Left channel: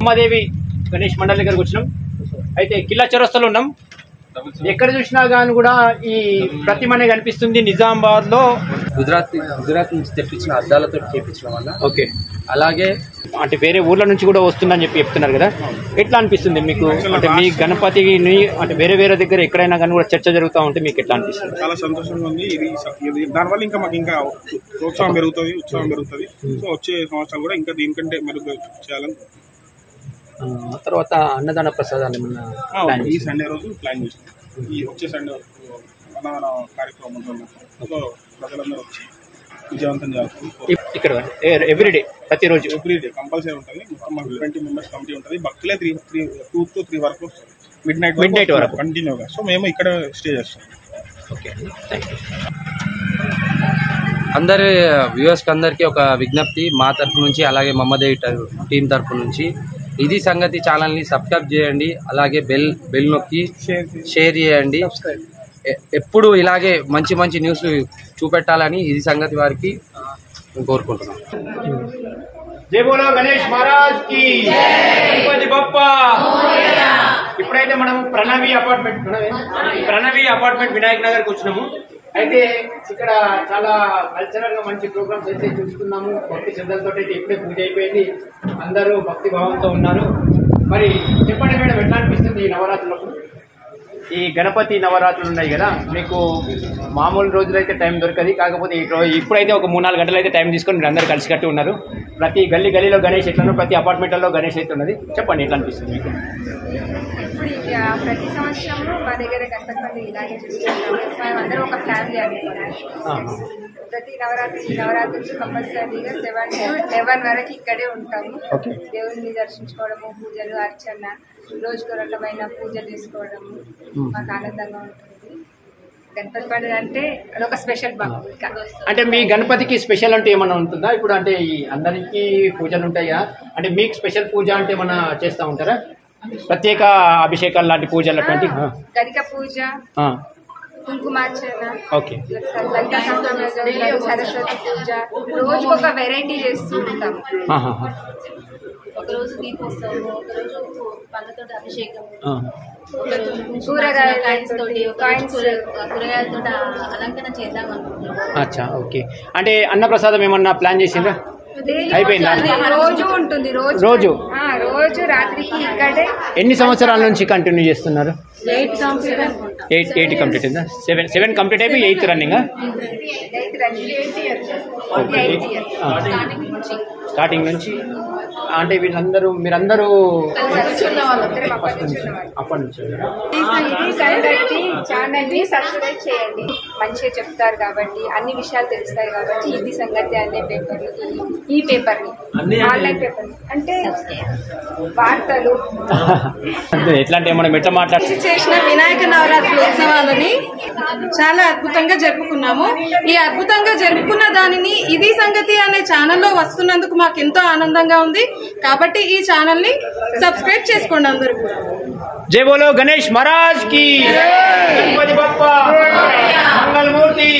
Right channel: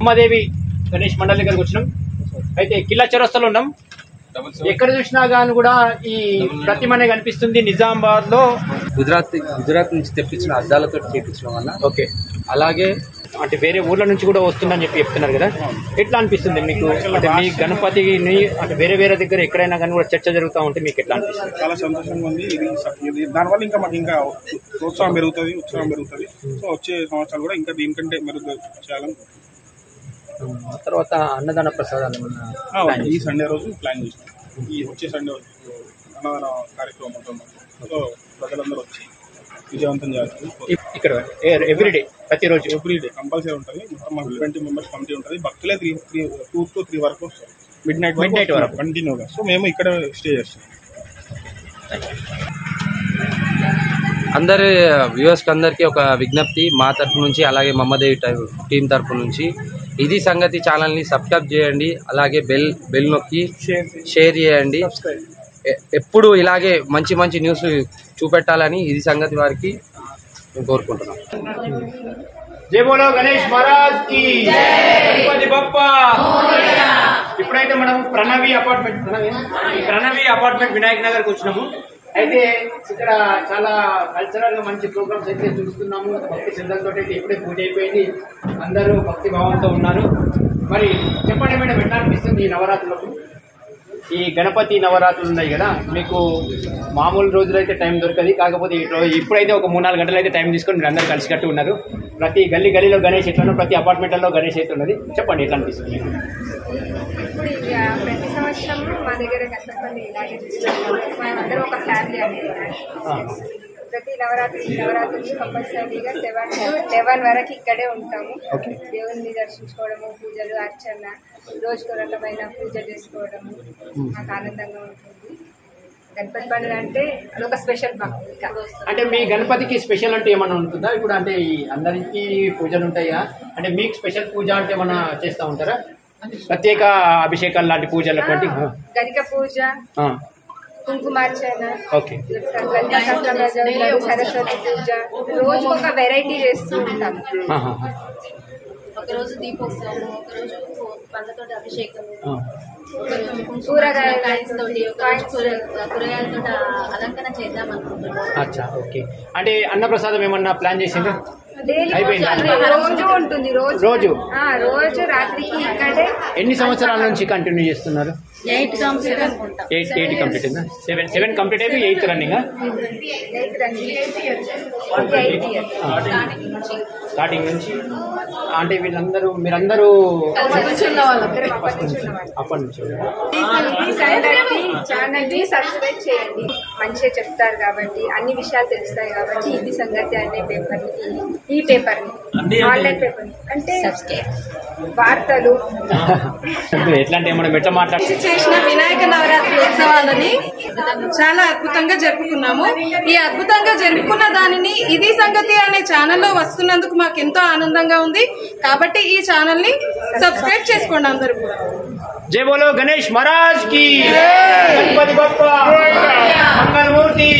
అమ్మాదేవి గణేష్ మండలి దగ్గరకు వచ్చినాం. అయితే కిల్లా చౌరస్తాలో ఉన్నాం. ఎక్కడ చూసినా కానీ కూడా ఈ ప్రతిమనే కనిపిస్తుంది. నిజామాబాద్ లో గుజరాత్ నుంచి తెప్పించిన అద్దాలతో చేపించడం వల్ల ఓకే, అలాగే అంటే వేరే ఊర్ల నుంచి కూడా వస్తుందని చెప్తున్నారు కదా, ఎట్లా అనిపిస్తుంది మీకు? అంటే మీ గణపతిని అంటే వేరే దగ్గర ఎక్కడైనా కానీ కూడా చర్చ జరుగుతూ ఉంటే మీకు ఎట్లా అనిపిస్తుంది? చాలా సంతోషంగా ఉంది. ఇది దానివల్ల ఇంకా మాకు ఇంకా ప్రోత్సాహం పెరుగుతుంది, ఉత్సాహం పెరుగుతుంది. సో వచ్చే సంవత్సరాలు కూడా ఇంకా దీనికంటే మెరుగ్గా చేయాలని. తర్వాత అన్నదాన ప్రసాదాలు ఈ సండే రోజు ప్లాన్ చేసినాం. ఈ వచ్చే సండే అన్నదాన కార్యక్రమం ఉంటుంది. సో ప్రజలందరూ వచ్చి విజయవంతం చేయాలి. ఇక్కడ ఎవ్రీడే ప్రతిరోజు ఎవ్రీడే కంపల్సరీ ఉంటుంది. మొత్తం మాకు 20 మెంబర్స్ కమిటీ ఉంటుంది. భక్తులే 2 to 3 వరకు వస్తారు, మిడ్ నైట్ వరకు కంటిన్యూగా. సో మేము ఇక్కడ స్టే చేస్తాం. అందరి వ్యూవర్స్కి అందరికీ ఒక విజ్ఞప్తి మా తరపు నుంచి, అలాగే మమ్మదేవి టీం తరపు నుంచి, ఇది సంగతి ఛానల్ని సబ్స్క్రైబ్ చేయండి. అలాగే బెల్ నొక్కి షేర్ చేయండి. ఎప్పుడు ఇలాగే మంచి న్యూస్ చూపెట్టాలని ఇది సంగతి వారికి కోరుకుంటున్నాం. జై బోలో గణేష్ మహారాజ్ కి గణపతి బప్పా. ఇప్పుడైతే మనం ప్రణవి అపార్ట్మెంట్ వినాయక్ నగర్ కి వచ్చినాము. అయితే ఇక్కడ చాలా కల్చరల్ గా మంచి ప్రోగ్రామ్స్ అయితే చూస్తున్నాము. భక్తి శ్రద్ధలతో అయితే ఇప్పుడే పూజ అయిపోయింది. అందరూ భక్తి భావంతో ఉన్నారు. మరి చెప్పండి మేడం, ఎట్లా అనిపిస్తుంది ఈ నవరాత్రులకు? ఈ గణపతి నవరాత్రులు ఉన్నాయి కదా, మీకు మామూలు రోజులైతే టైం దొరకదు. కాకపోతే ఇప్పుడైతే ఒక 3-4 గంటలు అయితే టైం తీసుకొని మీరు అందరు కలిసికట్టు ఉన్నారు. ప్రతి గల్లీలో గణేష్ ఎట్లను, ప్రతి అపార్ట్మెంట్లలో గణేష్ అయితే ఉన్నది. చెప్పండి ఎట్లా అనిపిస్తుంది మీకు? ఇప్పుడు ప్రతి సంవత్సరము మా దగ్గర గణపతి ఇలాగే చూస్తున్నాము. మనం అందరం ఒక ఫ్యామిలీ అనుకోవాలి. ప్రతి నవరాత్రులు కంపల్సరీగా 7 to 11 వరకు ఇక్కడే ఉంటాము. దేవుడిని దర్శించుకోవడము, పూజలు, అర్చన, రోజుకు రకమైన పూజ చేసుకోవడము మాకు ఆనందంగా ఉంటుంది. గణపతి పండుగ అంటే అదొక స్పెషల్ మాకు. అంటే మీ గణపతికి స్పెషల్ అంటే ఏమన్నా ఉంటుందా? ఇప్పుడు అంటే అందరికీ పూజలు ఉంటాయా? అంటే మీకు స్పెషల్ పూజ అంటే ఏమన్నా చేస్తూ ఉంటారా? ప్రత్యేక అభిషేకాలు లాంటి పూజలు అటువంటి గణిక పూజ, కుంకుమార్చన, లలితా సహస్రనామ, సరస్వతి పూజ, రోజు ఒక వెరైటీ చేస్తూ ఉంటాము. ఒకరోజు దీపోత్సవం, ఒకరోజు పండ్లతో అభిషేకం, కూరగాయలతో అలంకరణ చేద్దాం అనుకుంటున్నాం. అచ్చా, ఓకే. అంటే అన్నప్రసాదం ఏమన్నా ప్లాన్ చేసిందా? రోజు ఉంటుంది. రోజు రాత్రికి ఇక్కడే. ఎన్ని సంవత్సరాల నుంచి కంటిన్యూ చేస్తున్నారు? 8 కంప్లీట్ అయిందా? 7 కంప్లీట్ అయిపోయి 8th రన్నింగ్. స్టార్టింగ్ నుంచి అంటే మీరందరూ అప్పటి నుంచి ఛానల్ని సబ్స్క్రైబ్ చేయండి. మంచిగా చెప్తారు కాబట్టి, అన్ని విషయాలు తెలుస్తాయి కాబట్టి. ఇది సంగతి అనే పేపర్ని, ఈ పేపర్ని, ఆన్లైన్ పేపర్ని అంటే వార్తలు ఎట్లాంటి ఏమన్నా ఎట్లా మాట్లాడి చేసిన వినాయక నవరాత్రి ఉత్సవాలని చాలా అద్భుతంగా జరుపుకున్నాము. ఈ అద్భుతంగా జరుపుకున్న దానిని ఇది సంగతి అనే ఛానల్లో వస్తున్నందుకు మాకు ఎంతో ఆనందంగా ఉంది. కాబట్టి ఈ ఛానల్ ని సబ్స్క్రైబ్ చేసుకోండి అందరూ కూడా. జై బోలో గణేష్ మహారాజ్ కి, గణపతి బప్పా, మంగళమూర్తి.